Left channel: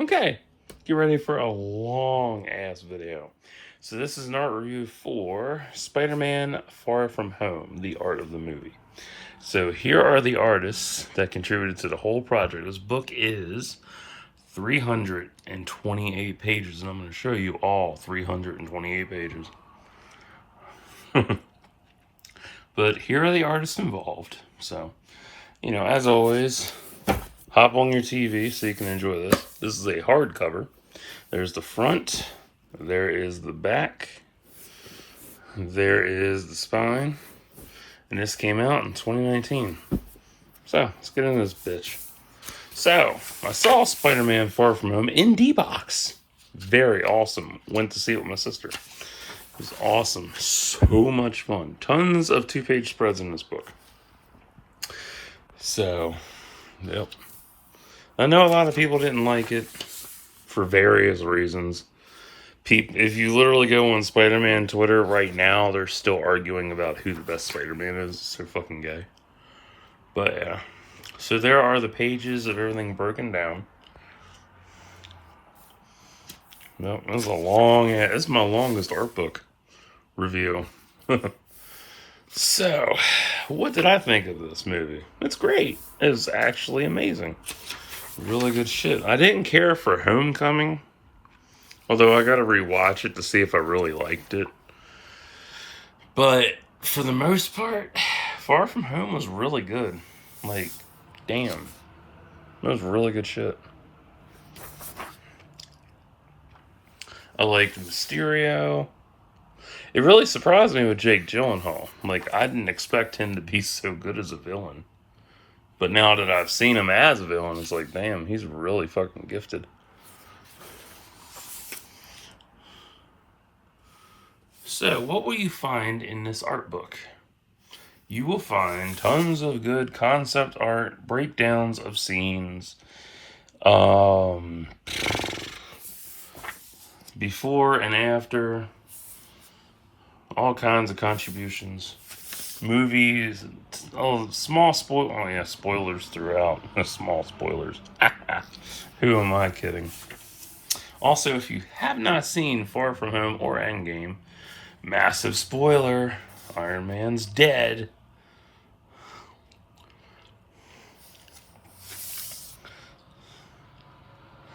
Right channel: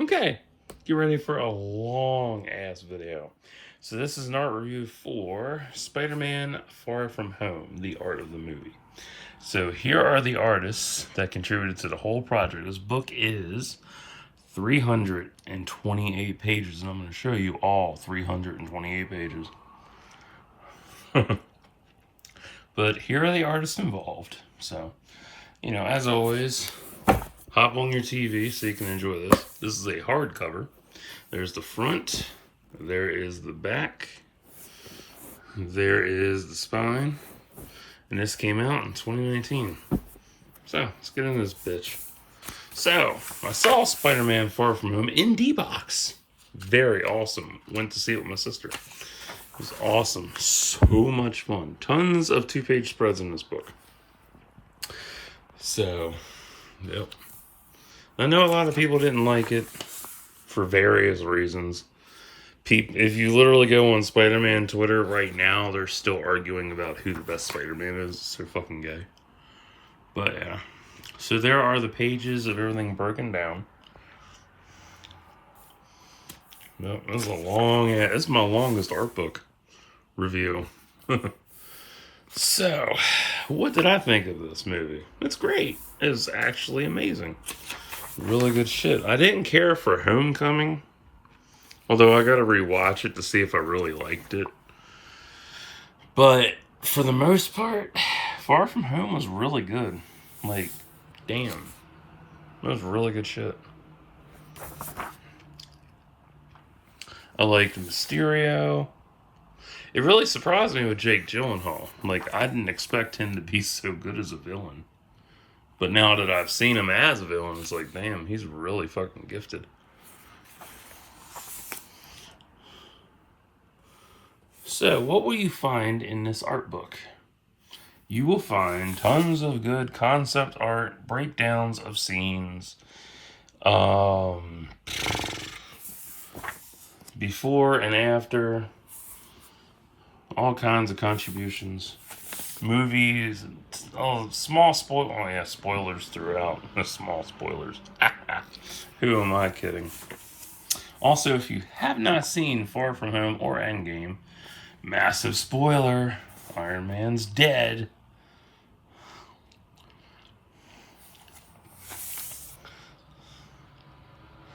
Okay, get ready for a long ass video. So this is an art review for Spider-Man Far From Home, the art of the movie. So here are the artists that contributed to the whole project. This book is 328 pages, and I'm going to show you all 328 pages. But here are the artists involved. So, you know, as always, hop on your TV so you can enjoy this. This is a hardcover. There's the front. There is the back. There is the spine. And this came out in 2019. So, let's get into this bitch. So, I saw Spider-Man Far From Home in D-Box. Very awesome. Went to see it with my sister. It was awesome. So much fun. Tons of 2-page spreads in this book. So, yep. I know a lot of people didn't like it for various reasons. If you literally go on Spider-Man Twitter right now, they're still arguing about who the best Spider-Man is. It's so fucking gay. But yeah. So there are the pages of everything broken down. Nope, this is a long, this is my longest art book review. So, what did I think of this movie? It's great. It's actually amazing. Really good shit. I didn't care for Homecoming, although I gotta rewatch it to see if I really liked it. But for the most part, Far From Home was really good. Like, damn. That was really good shit. I liked Mysterio. It really surprised me with Jake Gyllenhaal. Like, I didn't expect him to be so good as a villain. But now that I've seen him as a villain, it's like, damn, he's really fucking gifted. So, what will you find in this art book? You will find tons of good concept art, breakdowns of scenes, before and after, all kinds of contributions, movies, spoilers throughout. Small spoilers. Who am I kidding? Also, if you have not seen Far From Home or Endgame, massive spoiler, Iron Man's dead.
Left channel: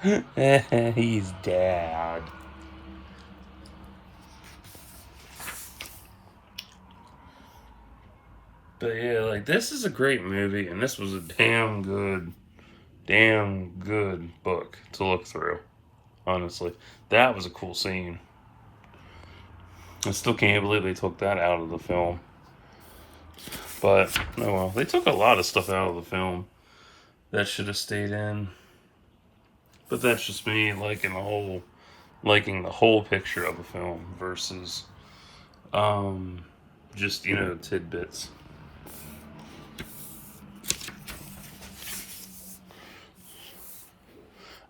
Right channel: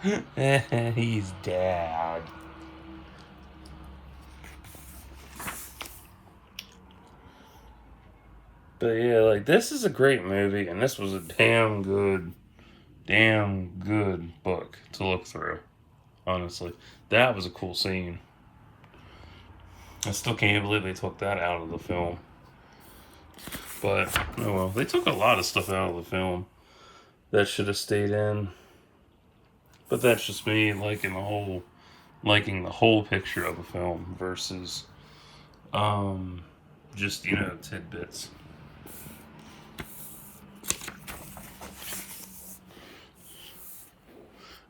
He's dead. But yeah, like, this is a great movie, and this was a damn good book to look through. Honestly, that was a cool scene. I still can't believe they took that out of the film. But, oh well, they took a lot of stuff out of the film that should have stayed in. But that's just me liking the whole picture of a film versus, just, you know, tidbits.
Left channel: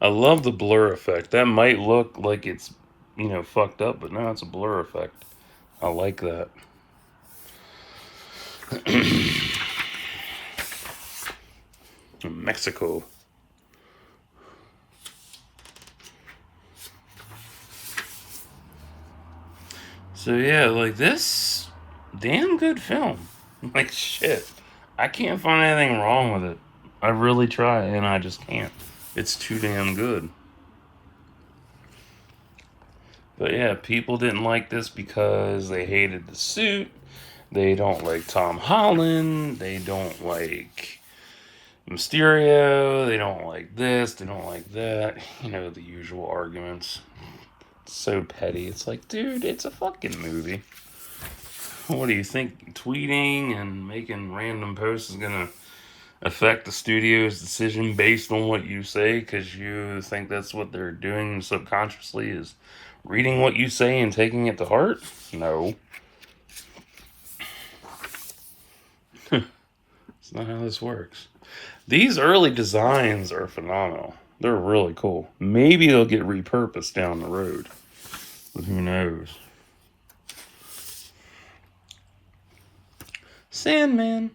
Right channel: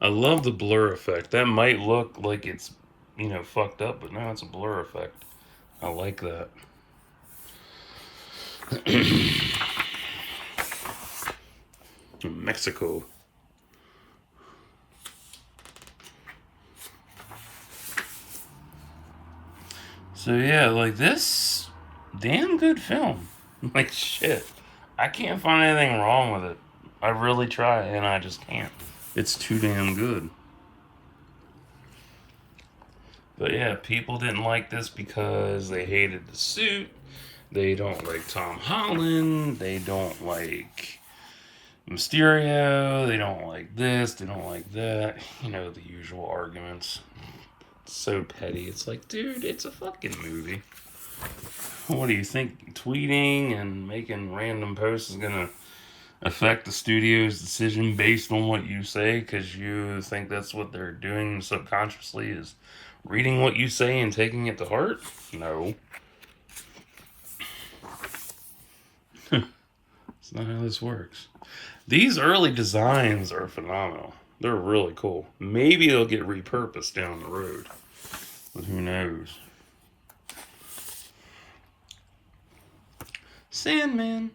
I love the blur effect. That might look like it's, you know, fucked up, but no, it's a blur effect. I like that. Mexico. So yeah, like, this damn good film. Like, shit. I can't find anything wrong with it. I really try, and I just can't. It's too damn good. But yeah, people didn't like this because they hated the suit. They don't like Tom Holland. They don't like Mysterio. They don't like this. They don't like that. You know, the usual arguments. It's so petty. It's like, dude, it's a fucking movie. What do you think? Tweeting and making random posts is gonna affect the studio's decision based on what you say because you think that's what they're doing subconsciously, is reading what you say and taking it to heart? No. That's not how this works. These early designs are phenomenal. They're really cool. Maybe they'll get repurposed down the road, but who knows? Sandman.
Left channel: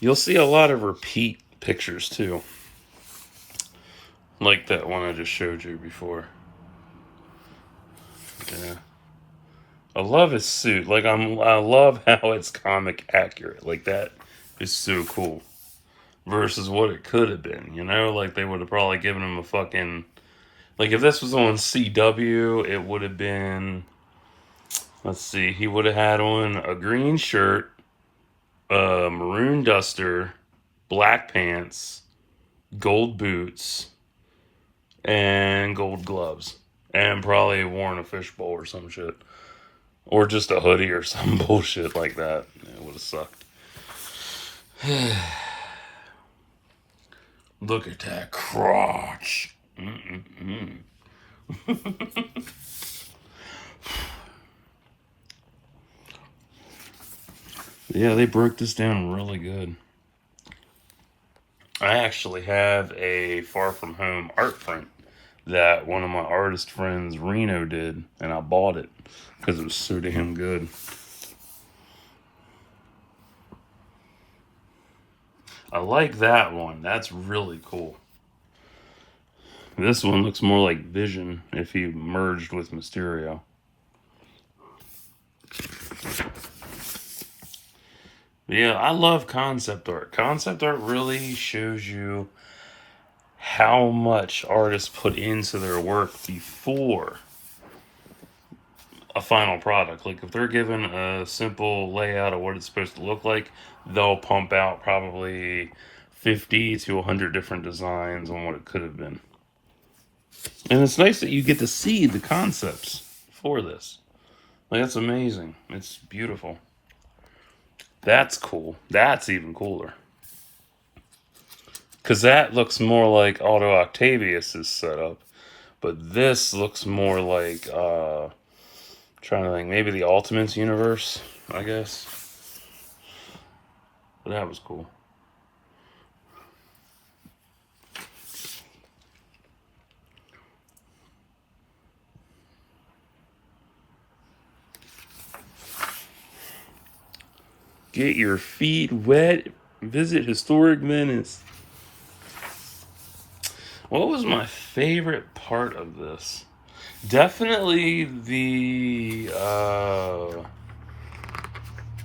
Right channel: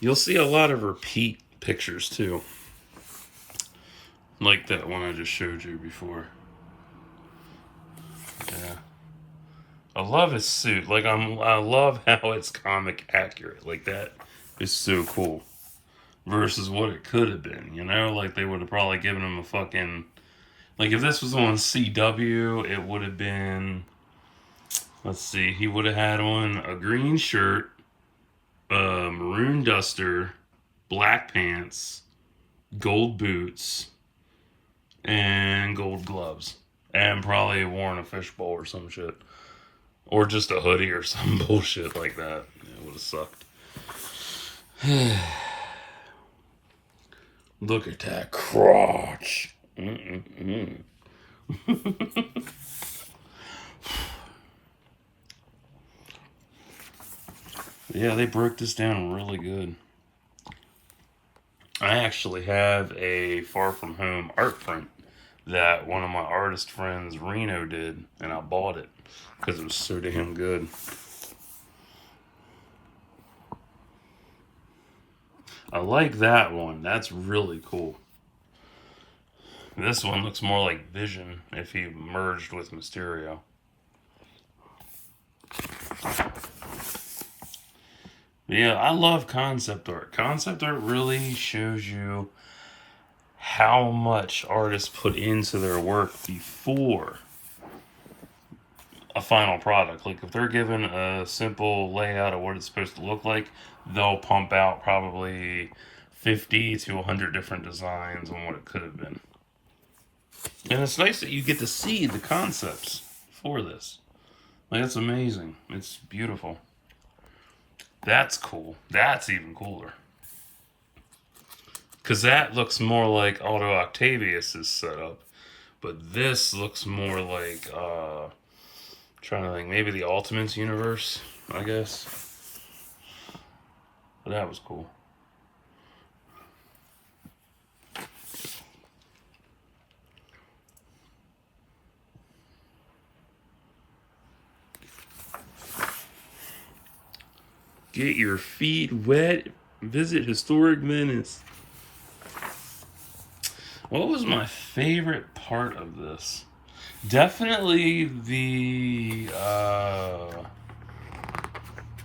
You'll see a lot of repeat pictures too. Like that one I just showed you before. Yeah. I love his suit. Like I love how it's comic accurate. Like that is so cool. Versus what it could have been, you know? Like they would have probably given him a fucking, like if this was on CW, it would have been, let's see, he would have had on a green shirt, a maroon duster, black pants, gold boots, and gold gloves. And probably worn a fishbowl or some shit. Or just a hoodie or some bullshit like that. It would have sucked. Look at that crotch. Yeah, they broke this down really good. I actually have a Far From Home art print that one of my artist friends, Reno, did, and I bought it because it was so damn good. I like that one. That's really cool. This one looks more like Vision if he merged with Mysterio. Yeah, I love concept art. Concept art really shows you how much artists put into their work before a final product. Like if they're given a simple layout of what it's supposed to look like, they'll pump out probably 50 to 100 different designs on what it could have been. And it's nice that you get to see the concepts for this. Like, that's amazing. It's beautiful. That's cool. That's even cooler. Because that looks more like Otto Octavius's setup. But this looks more like, trying to think, maybe the Ultimates universe, I guess. But that was cool. Get your feet wet. Visit Historic Venice. What was my favorite part of this? Definitely the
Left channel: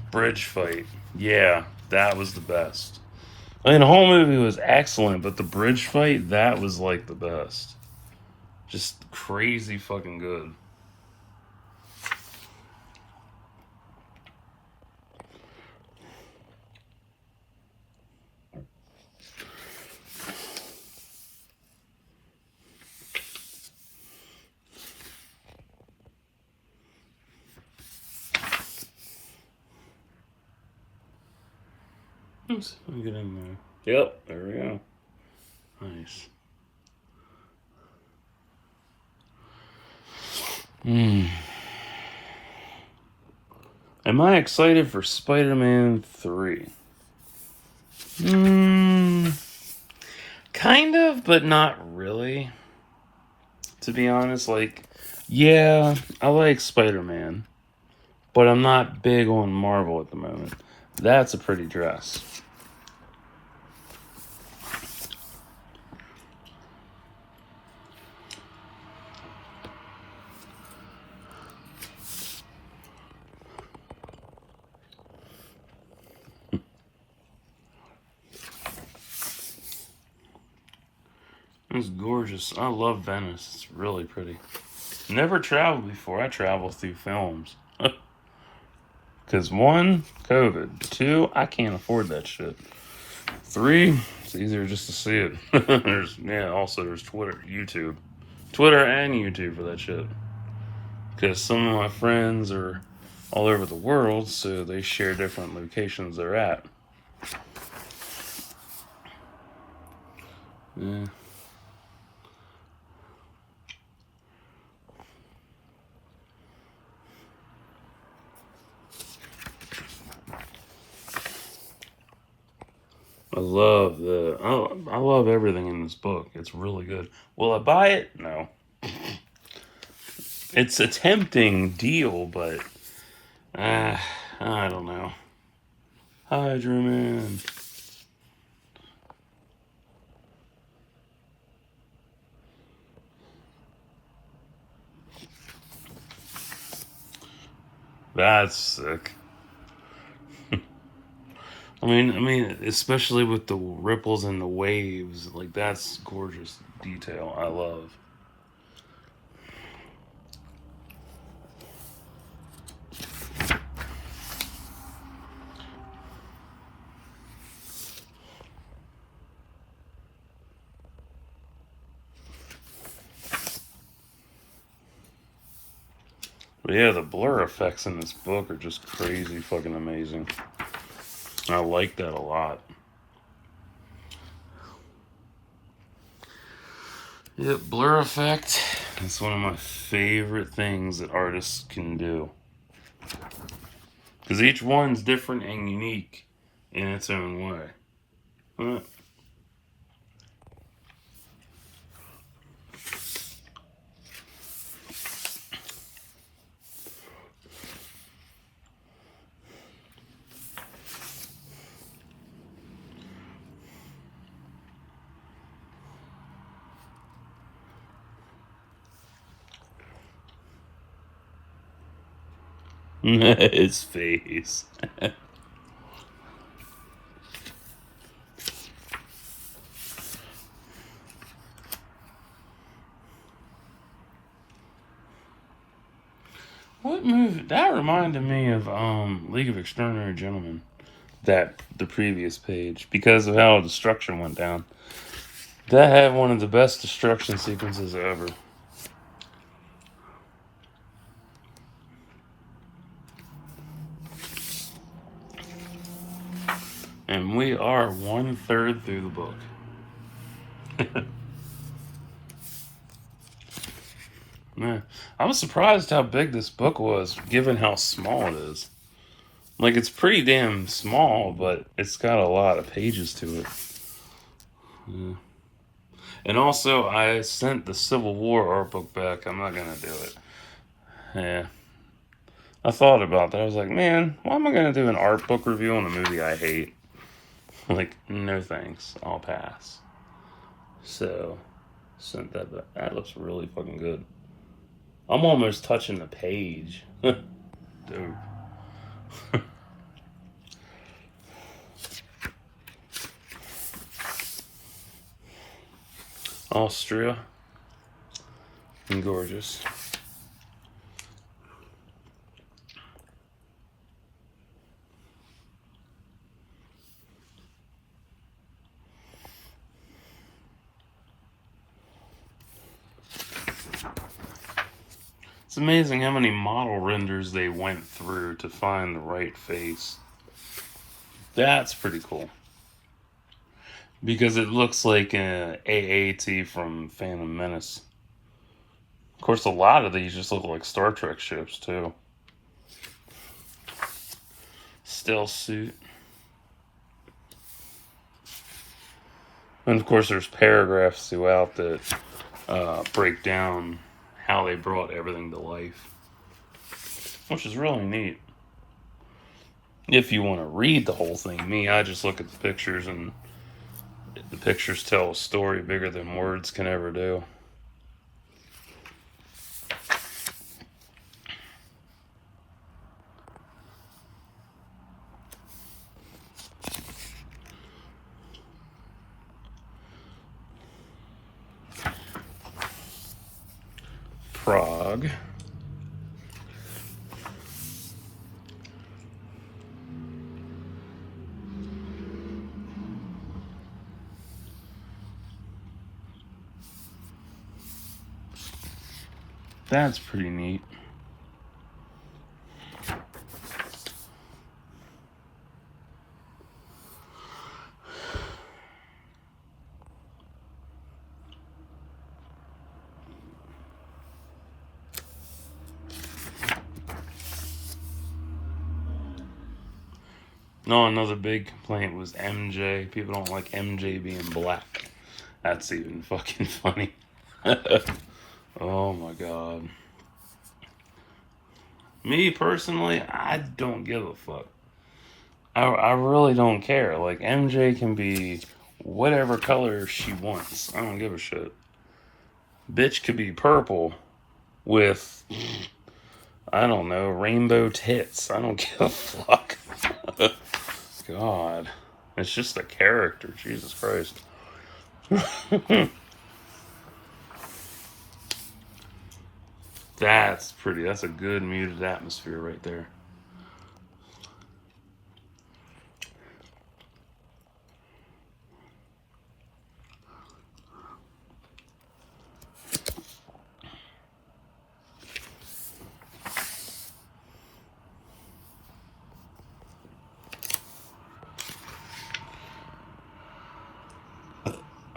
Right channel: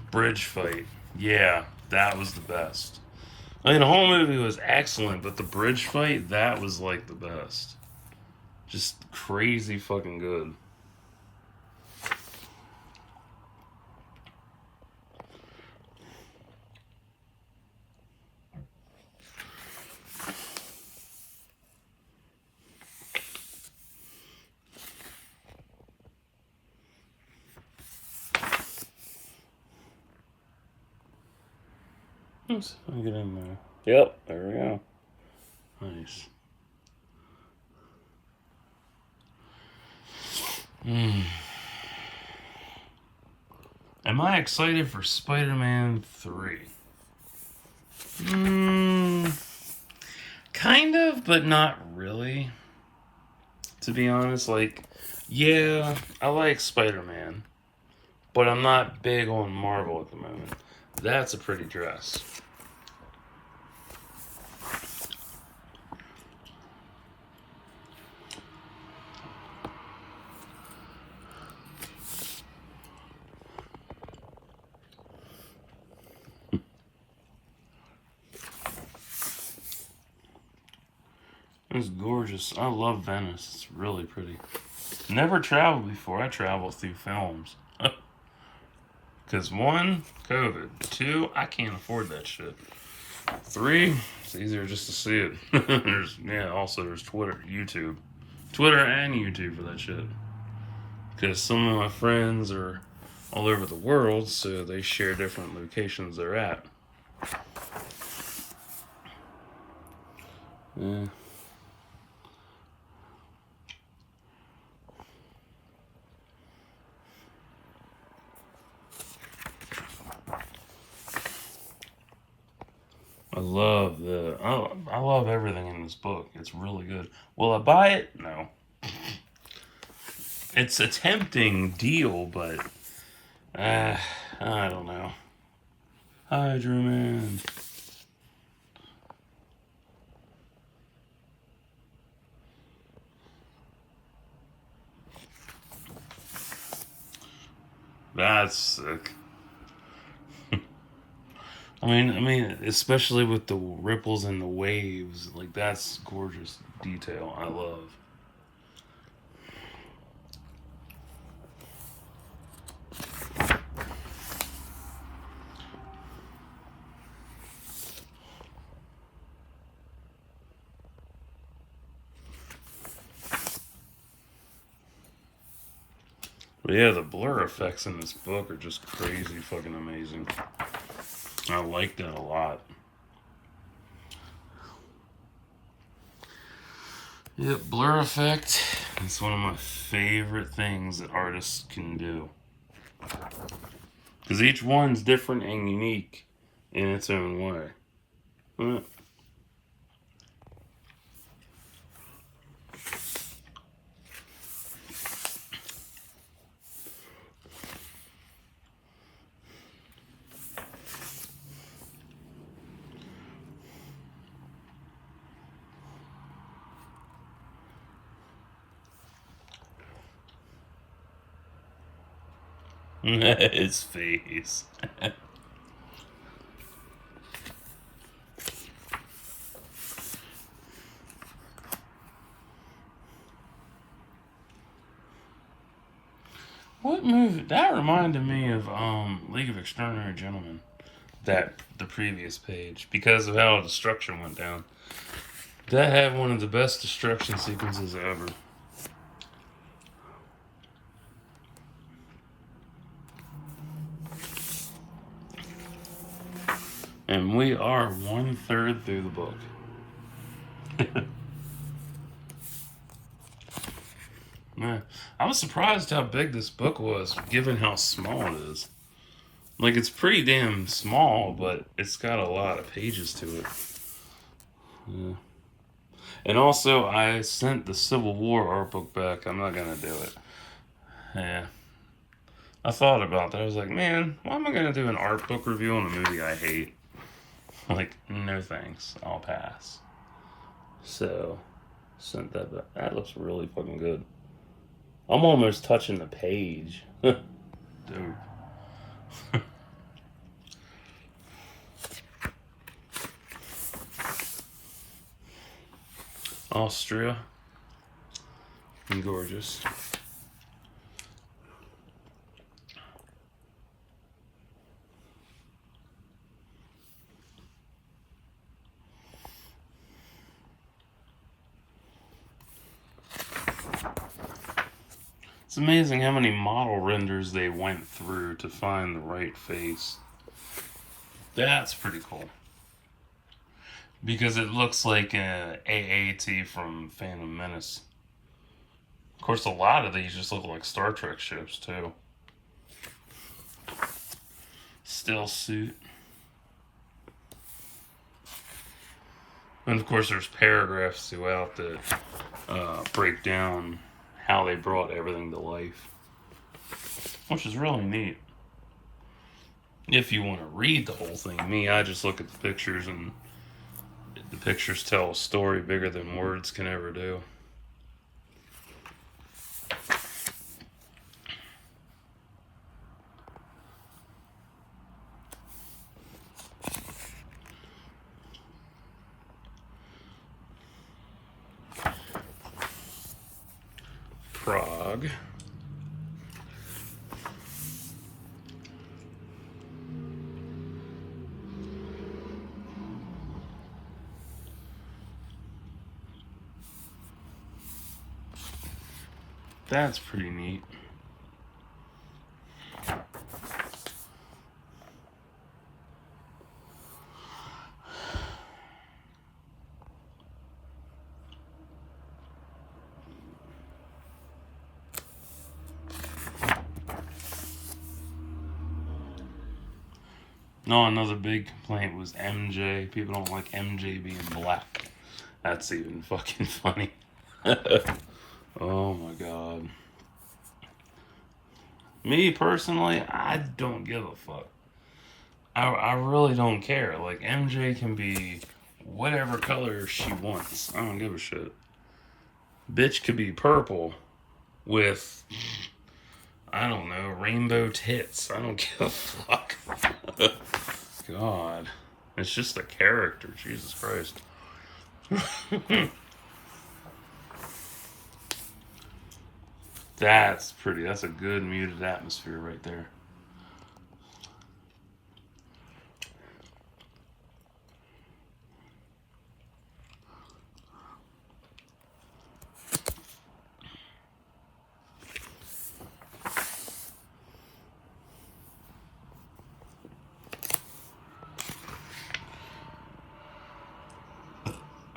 bridge fight. Yeah, that was the best. I mean, the whole movie was excellent, but the bridge fight, that was like the best. Just crazy fucking good. Let's get in there. Yep, there we go. Nice. Am I excited for Spider-Man 3? Kind of, but not really. To be honest, like, yeah, I like Spider-Man, but I'm not big on Marvel at the moment. That's a pretty dress. It's gorgeous. I love Venice. It's really pretty. Never traveled before. I travel through films. Because one, COVID. Two, I can't afford that shit. Three, it's easier just to see it. Also there's Twitter, YouTube. Twitter and YouTube for that shit. Because some of my friends are all over the world, so they share different locations they're at. Yeah. I love everything in this book. It's really good. Will I buy it? No. It's a tempting deal, but I don't know. Hydra Man. That's sick. I mean, especially with the ripples and the waves, like that's gorgeous detail. I love. But yeah, the blur effects in this book are just crazy fucking amazing. I like that a lot. Yep, blur effect. It's one of my favorite things that artists can do. Because each one's different and unique in its own way. His face. What movie? That reminded me of League of Extraordinary Gentlemen. That the previous page, because of how destruction went down. That had one of the best destruction sequences ever. And we are 1/3 through the book. Man, I was surprised how big this book was, given how small it is. Like, it's pretty damn small, but it's got a lot of pages to it. Yeah. And also, I sent the Civil War art book back. I'm not gonna do it. Yeah. I thought about that. I was like, man, why am I gonna do an art book review on a movie I hate? Like, no thanks. I'll pass. So, sent that back. That looks really fucking good. I'm almost touching the page. Dude. Austria. And gorgeous. It's amazing how many model renders they went through to find the right face. That's pretty cool. Because it looks like an AAT from Phantom Menace. Of course, a lot of these just look like Star Trek ships, too. Stealth suit. And of course, there's paragraphs throughout that break down how they brought everything to life, which is really neat. If you want to read the whole thing, I just look at the pictures, and the pictures tell a story bigger than words can ever do. Prague. That's pretty neat. No, another big complaint was MJ. People don't like MJ being black. That's even fucking funny. Oh my god. Me personally, I don't give a fuck. I really don't care. Like, MJ can be whatever color she wants. I don't give a shit. Bitch could be purple with I don't know, rainbow tits. I don't give a fuck. God. It's just a character, Jesus Christ. That's pretty. That's a good muted atmosphere right there.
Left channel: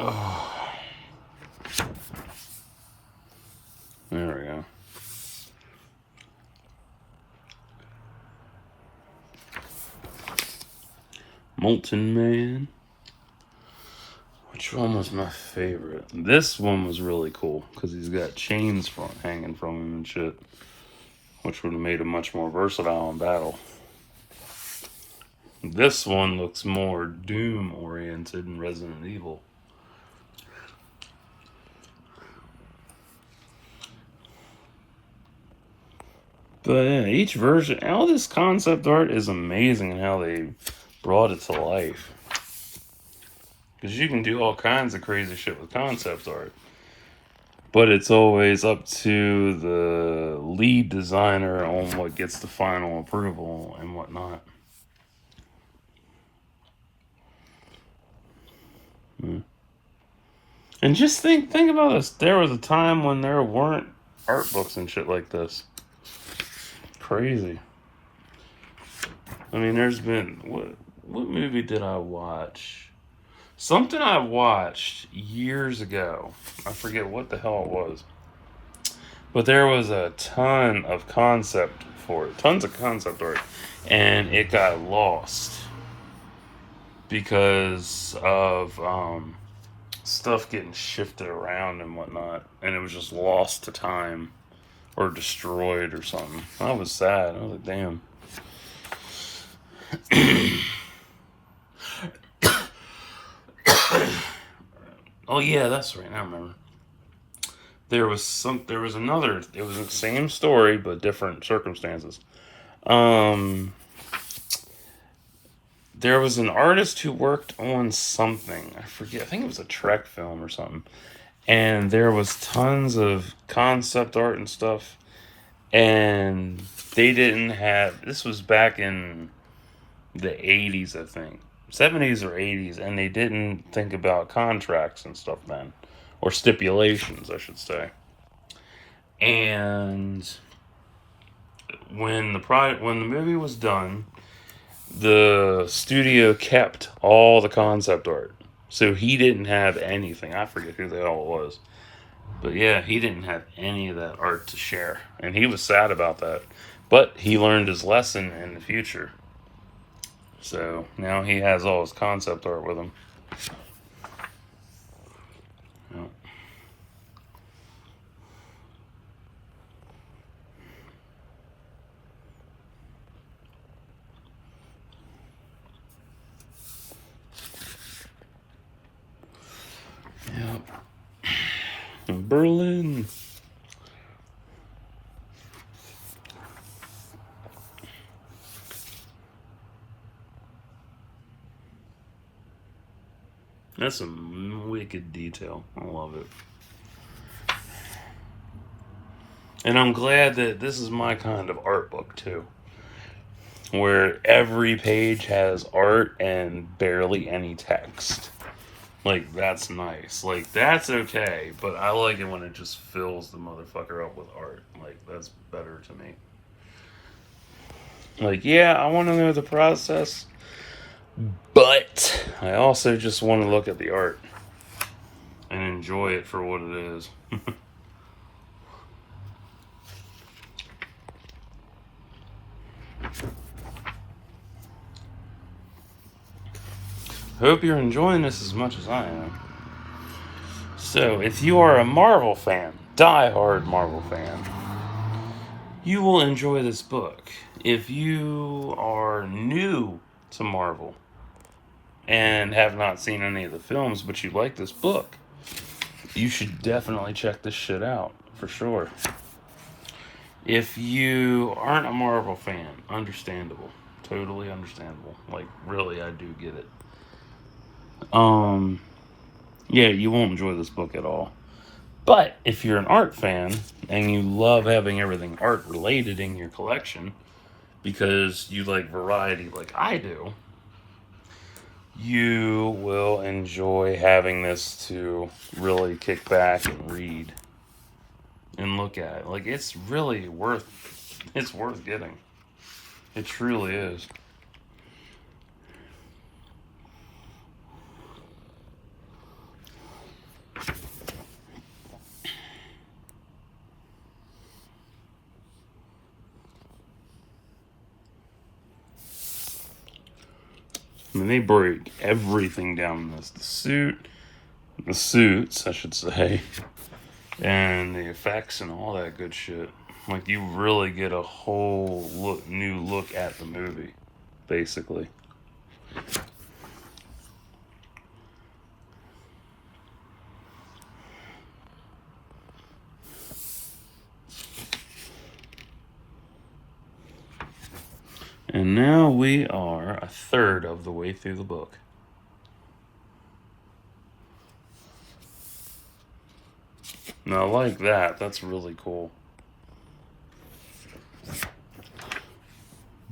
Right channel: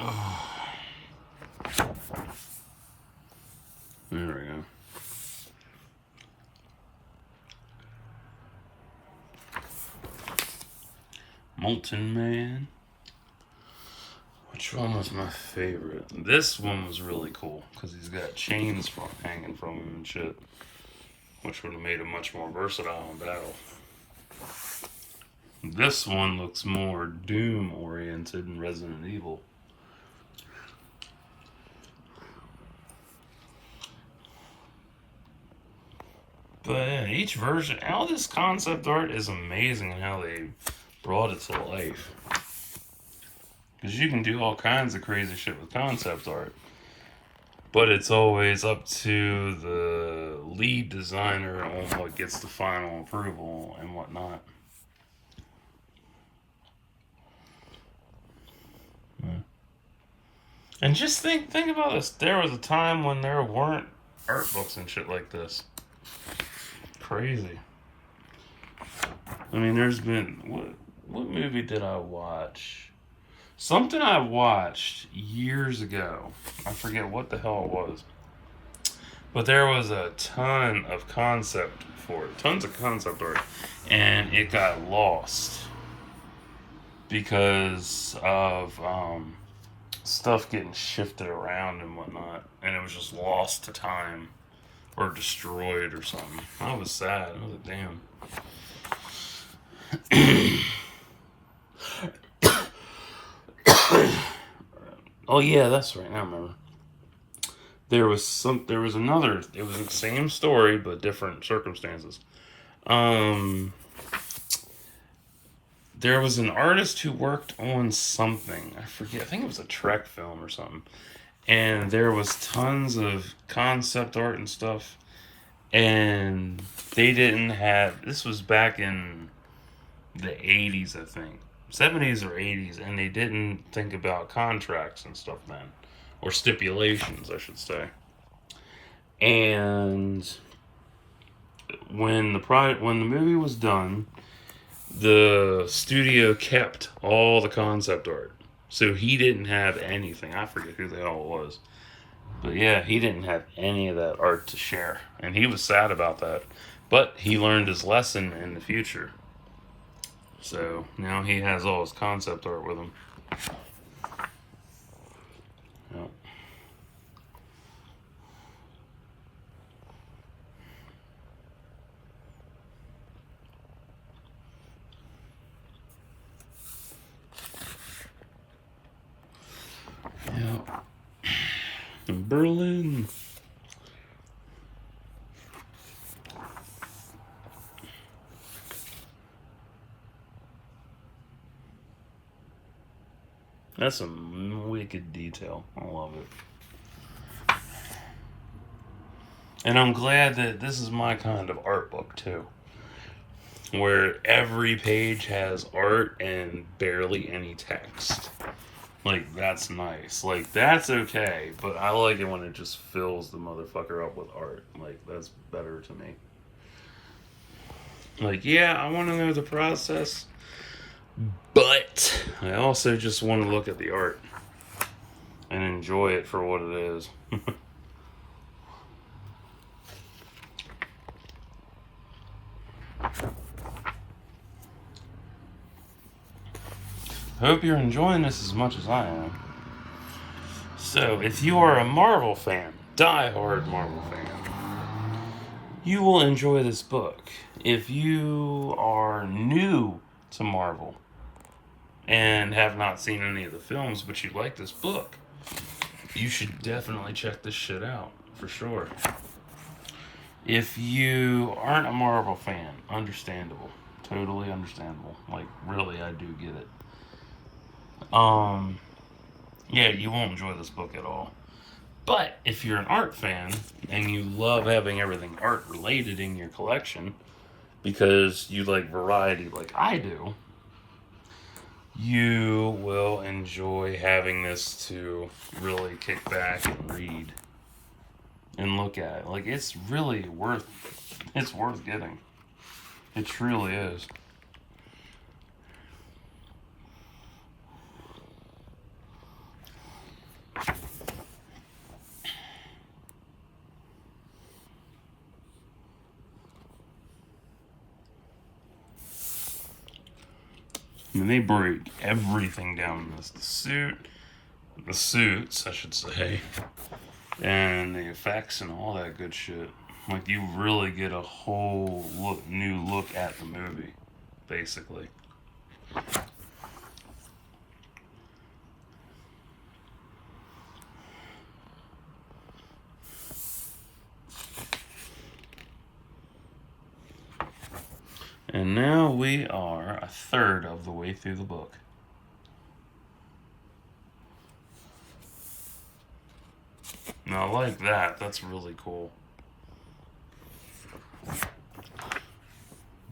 Oh. There we go. Molten Man. Which one was my favorite? This one was really cool because he's got chains hanging from him and shit, which would have made him much more versatile in battle. This one looks more Doom oriented and Resident Evil. But yeah, each version, all this concept art is amazing in how they brought it to life. Because you can do all kinds of crazy shit with concept art. But it's always up to the lead designer on what gets the final approval and whatnot. And just think about this. There was a time when there weren't art books and shit like this. Crazy. I mean, there's been what movie did I watch? Something I watched years ago. I forget what the hell it was. But there was a ton of concept for it. Tons of concept art. And it got lost because of stuff getting shifted around and whatnot. And it was just lost to time. Or destroyed or something. I was sad. I was like, damn. Oh yeah, that's right. I remember. There was another. It was the same story but different circumstances. There was an artist who worked on something. I forget. I think it was a Trek film or something. And there was tons of concept art and stuff. And they didn't have... This was back in the 80s, I think. 70s or 80s. And they didn't think about contracts and stuff then. Or stipulations, I should say. And when the movie was done, the studio kept all the concept art. So he didn't have anything. I forget who the hell it was. But yeah, he didn't have any of that art to share. And he was sad about that. But he learned his lesson in the future. So now he has all his concept art with him. Yeah. Berlin. That's some wicked detail. I love it. And I'm glad that this is my kind of art book too. Where every page has art and barely any text. Like, that's nice. Like, that's okay. But I like it when it just fills the motherfucker up with art. Like, that's better to me. Like, yeah, I want to know the process. But I also just want to look at the art. And enjoy it for what it is. Hope you're enjoying this as much as I am. So, if you are a Marvel fan, die-hard Marvel fan, you will enjoy this book. If you are new to Marvel and have not seen any of the films, but you like this book, you should definitely check this shit out, for sure. If you aren't a Marvel fan, understandable. Totally understandable. Like, really, I do get it. Yeah, you won't enjoy this book at all. But if you're an art fan and you love having everything art related in your collection because you like variety like I do, you will enjoy having this to really kick back and read and look at. Like, it's really worth getting. It truly is. I mean, they break everything down in this. The suits, I should say, and the effects and all that good shit. Like, you really get a whole new look at the movie, basically. And now we are a third of the way through the book. Now, like that, that's really cool.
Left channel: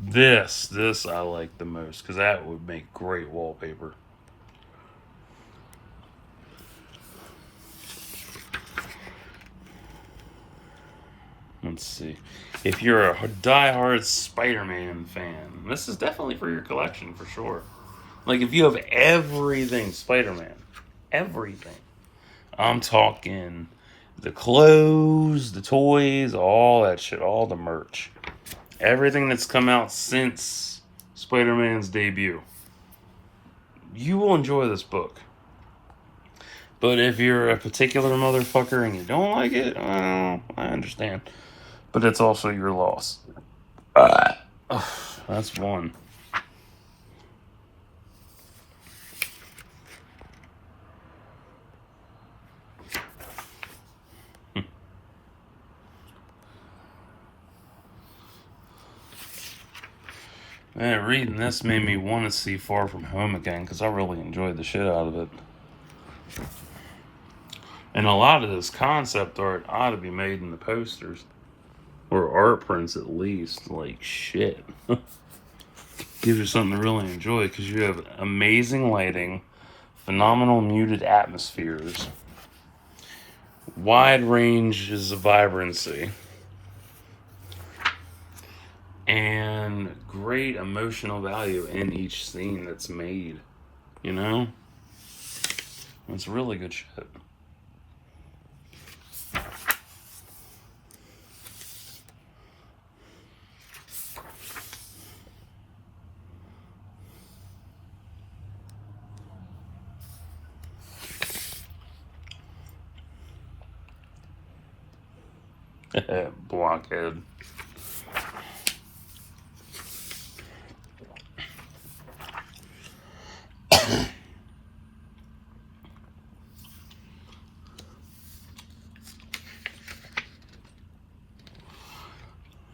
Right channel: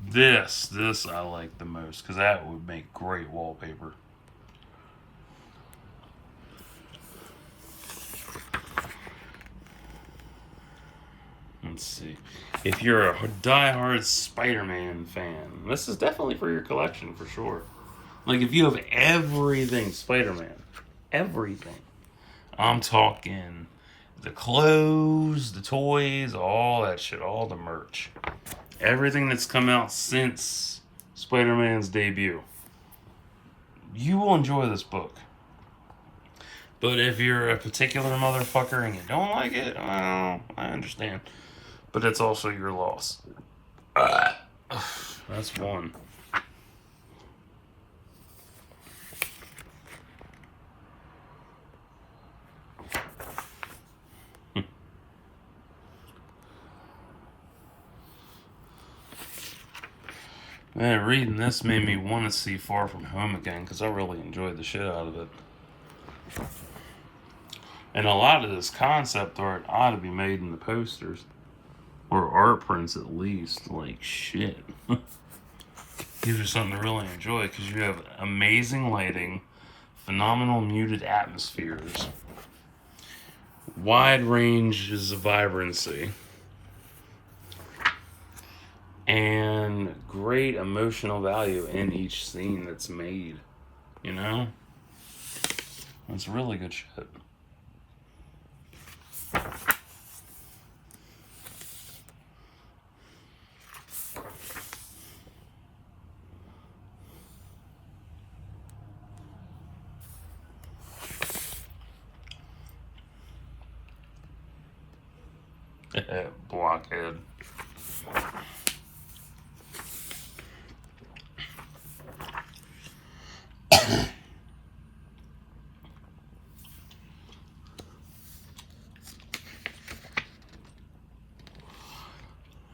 This I like the most, because that would make great wallpaper. Let's see. If you're a die-hard Spider-Man fan, this is definitely for your collection, for sure. Like, if you have everything Spider-Man, everything. I'm talking the clothes, the toys, all that shit, all the merch. Everything that's come out since Spider-Man's debut. You will enjoy this book. But if you're a particular motherfucker and you don't like it, I understand. But it's also your loss. That's one. Man, reading this made me want to see Far From Home again because I really enjoyed the shit out of it. And a lot of this concept art ought to be made in the posters. Or art prints at least. Like, shit. Gives you something to really enjoy because you have amazing lighting, phenomenal muted atmospheres, wide ranges of vibrancy, and great emotional value in each scene that's made. You know? It's really good shit. Blockhead.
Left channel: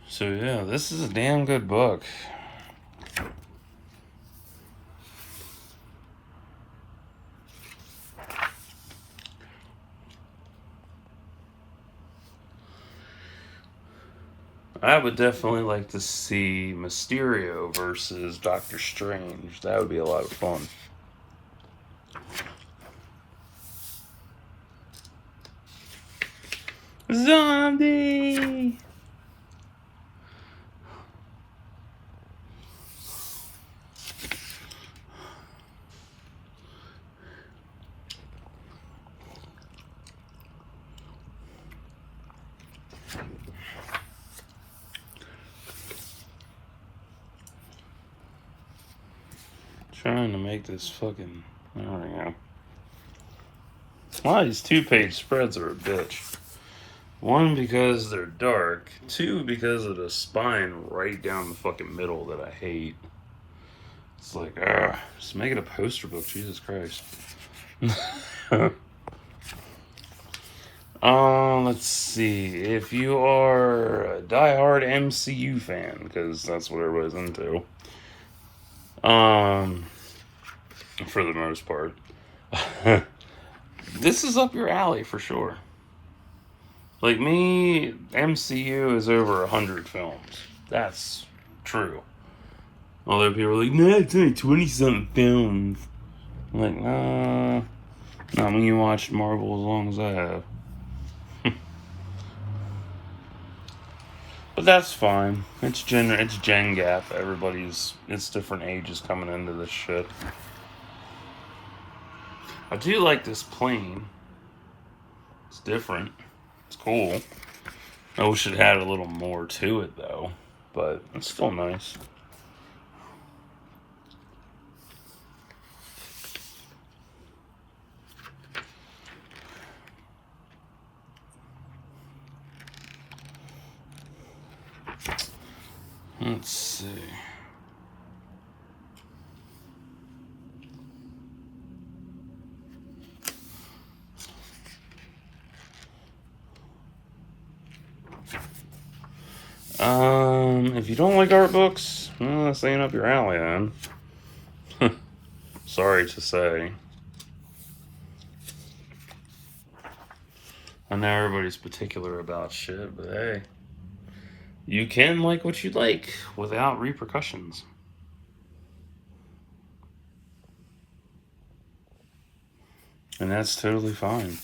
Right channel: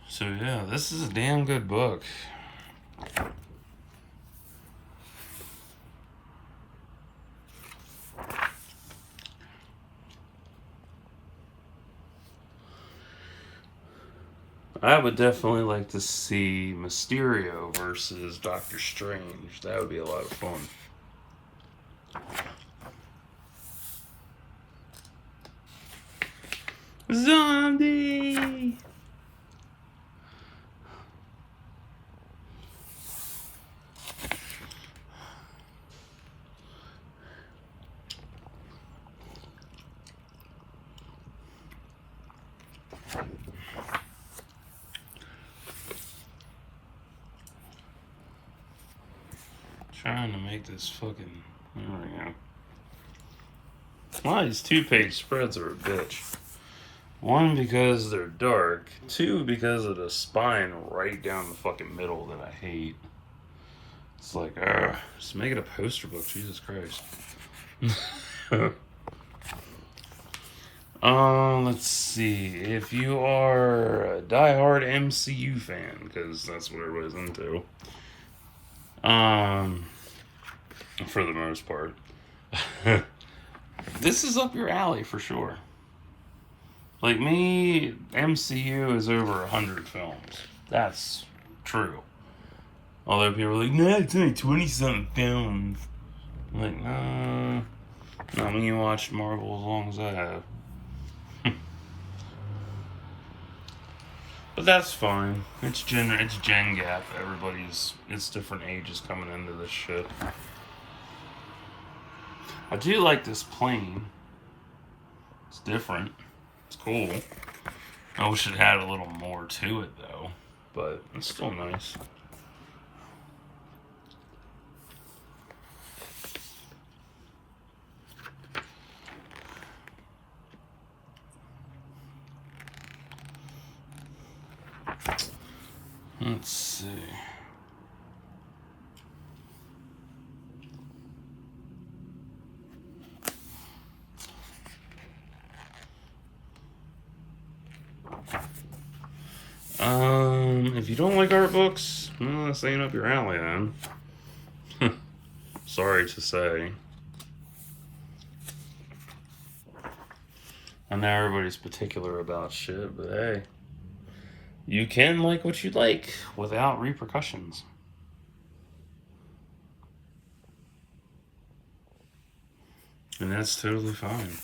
So yeah, this is a damn good book. I would definitely like to see Mysterio versus Doctor Strange. That would be a lot of fun. Zombie! Trying to make this fucking... There we go. Well, these 2-page spreads are a bitch. One, because they're dark. Two, because of the spine right down the fucking middle that I hate. It's like, just make it a poster book, Jesus Christ. Let's see. If you are a diehard MCU fan, because that's what everybody's into. For the most part. This is up your alley for sure. Like me, MCU is over 100 films. That's true. Although people are like, no, it's only 20-something films. I'm like, nah. Not when you watched Marvel as long as I have. But that's fine. It's Gen Gap. It's different ages coming into this shit. I do like this plane. It's different. It's cool. I wish it had a little more to it though. But it's still nice. Let's see. If you don't like art books, well, this ain't up your alley then. Sorry to say. I know everybody's particular about shit, but hey. You can like what you like without repercussions. And that's totally fine.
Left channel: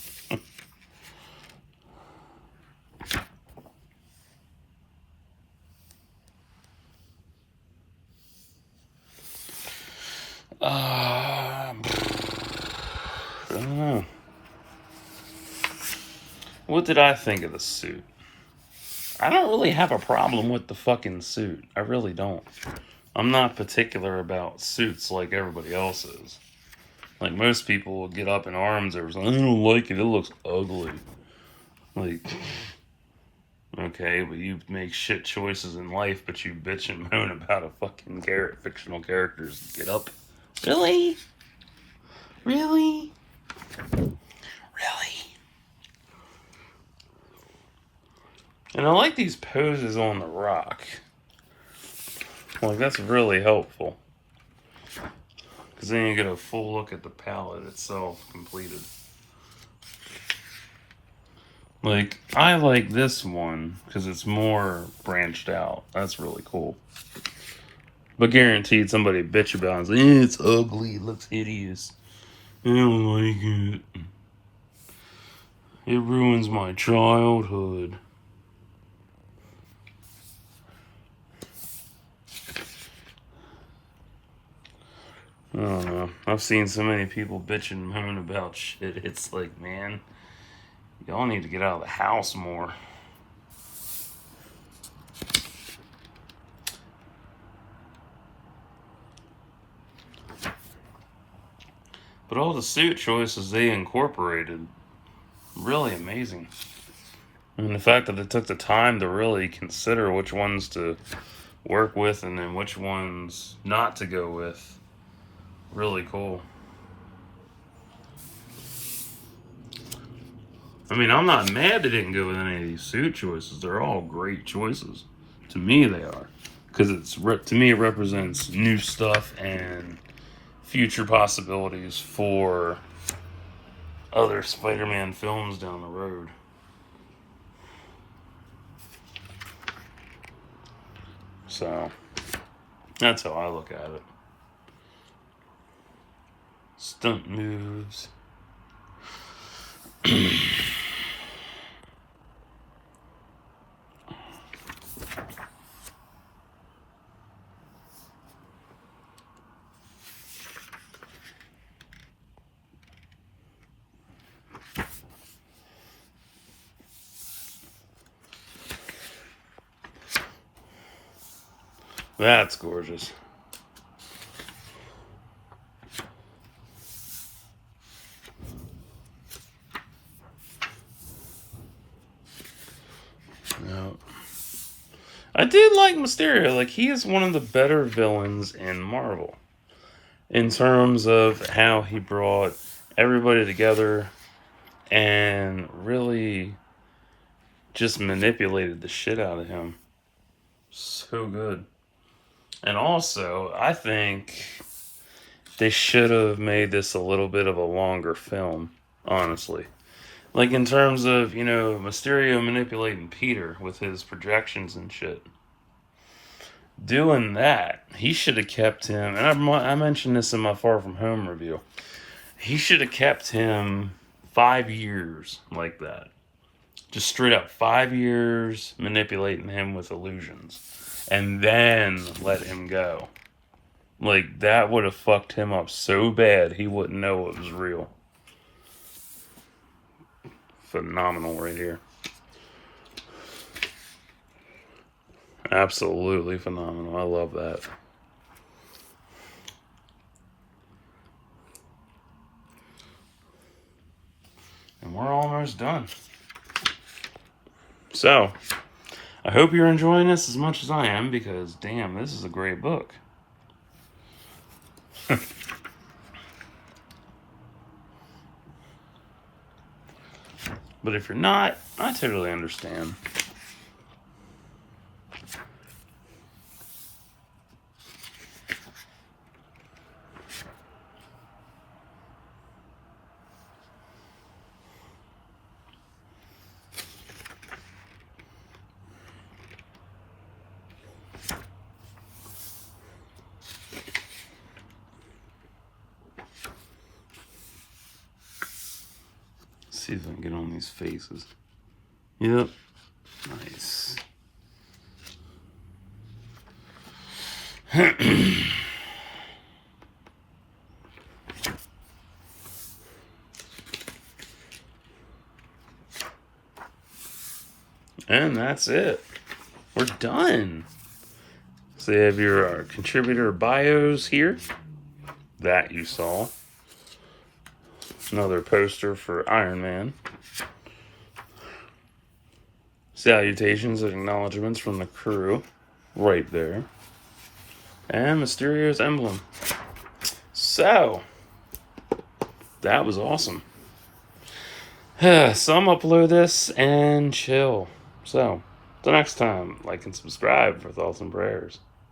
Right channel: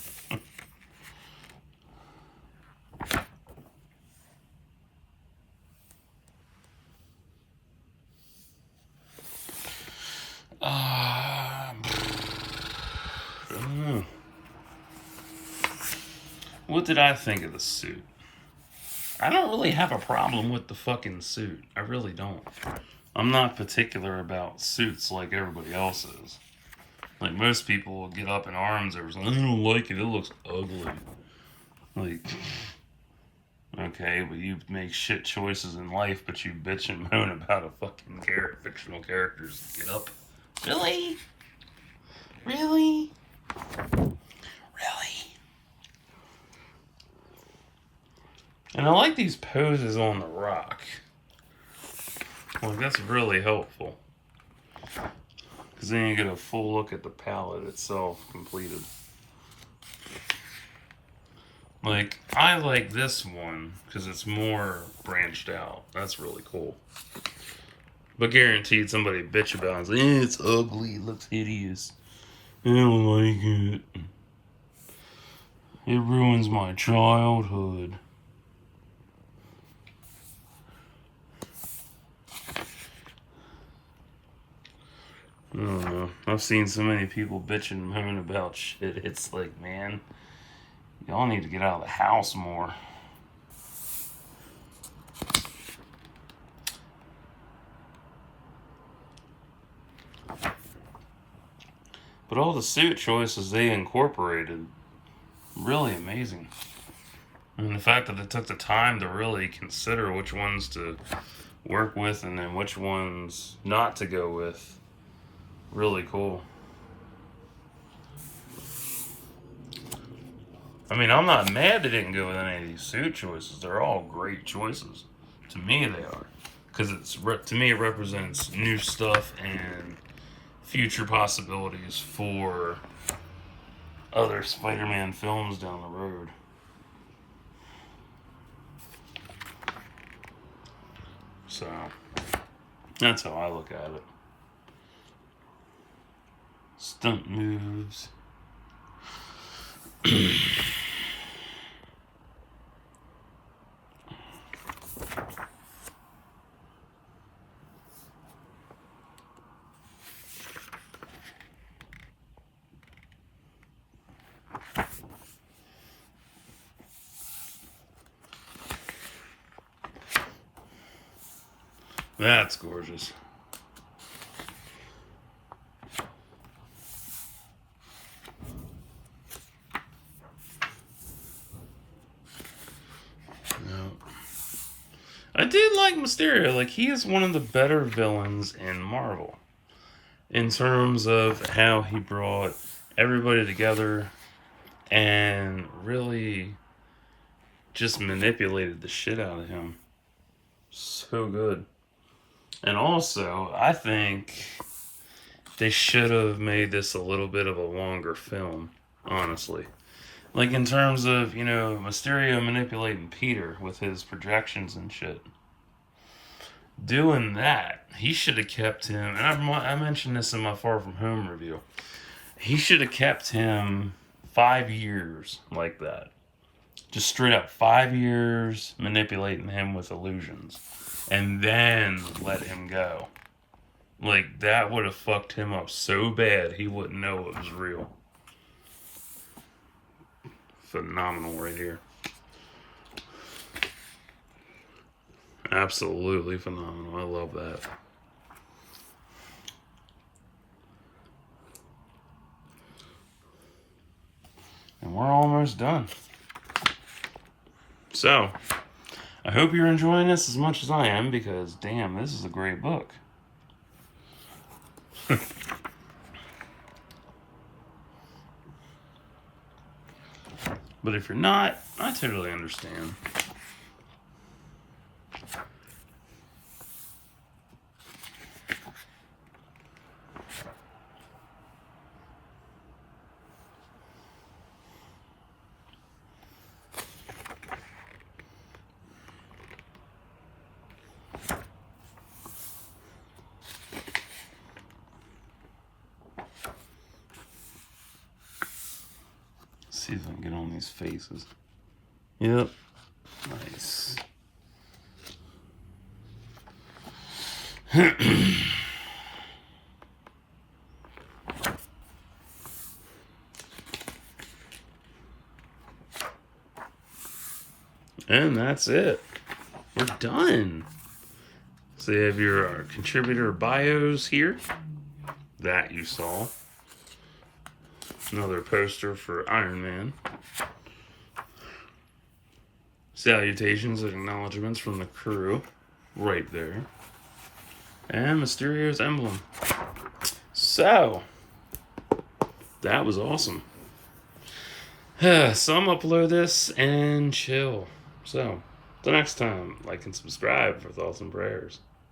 I don't know. What did I think of the suit? I don't really have a problem with the fucking suit. I really don't. I'm not particular about suits like everybody else is. Like most people will get up in arms over something. I don't like it. It looks ugly. Like, okay, but you make shit choices in life, but you bitch and moan about a fucking fictional characters. Get up. Really? Really? Really? And I like these poses on the rock. Like, that's really helpful. Because then you get a full look at the palette itself completed. Like, I like this one because it's more branched out. That's really cool. But guaranteed somebody bitch about it and say, it's ugly, it looks hideous. I don't like it. It ruins my childhood. I don't know. I've seen so many people bitching and moaning about shit. It's like, man, y'all need to get out of the house more. But all the suit choices they incorporated, really amazing. And the fact that they took the time to really consider which ones to work with and then which ones not to go with, really cool. I mean, I'm not mad they didn't go with any of these suit choices. They're all great choices. To me, they are. Because to me, it represents new stuff and future possibilities for other Spider-Man films down the road. So, that's how I look at it. Stunt moves. That's gorgeous. No. I did like Mysterio. Like, he is one of the better villains in Marvel. In terms of how he brought everybody together and really just manipulated the shit out of him. So good. And also, I think they should have made this a little bit of a longer film, honestly. Like, in terms of, Mysterio manipulating Peter with his projections and shit. Doing that, he should have kept him, and I mentioned this in my Far From Home review. He should have kept him 5 years like that. Just straight up 5 years manipulating him with illusions. And then let him go. Like, that would have fucked him up so bad he wouldn't know it was real. Phenomenal right here. Absolutely phenomenal. I love that. And we're almost done. So, I hope you're enjoying this as much as I am, because damn, this is a great book. But if you're not, I totally understand. See if I can get on these faces. Yep. Nice. And that's it. We're done. So you have your contributor bios here. That you saw. Another poster for Iron Man. Salutations and acknowledgements from the crew. Right there. And Mysterio's emblem. So, that was awesome. Some upload this and chill. So, till next time, like and subscribe for thoughts and prayers.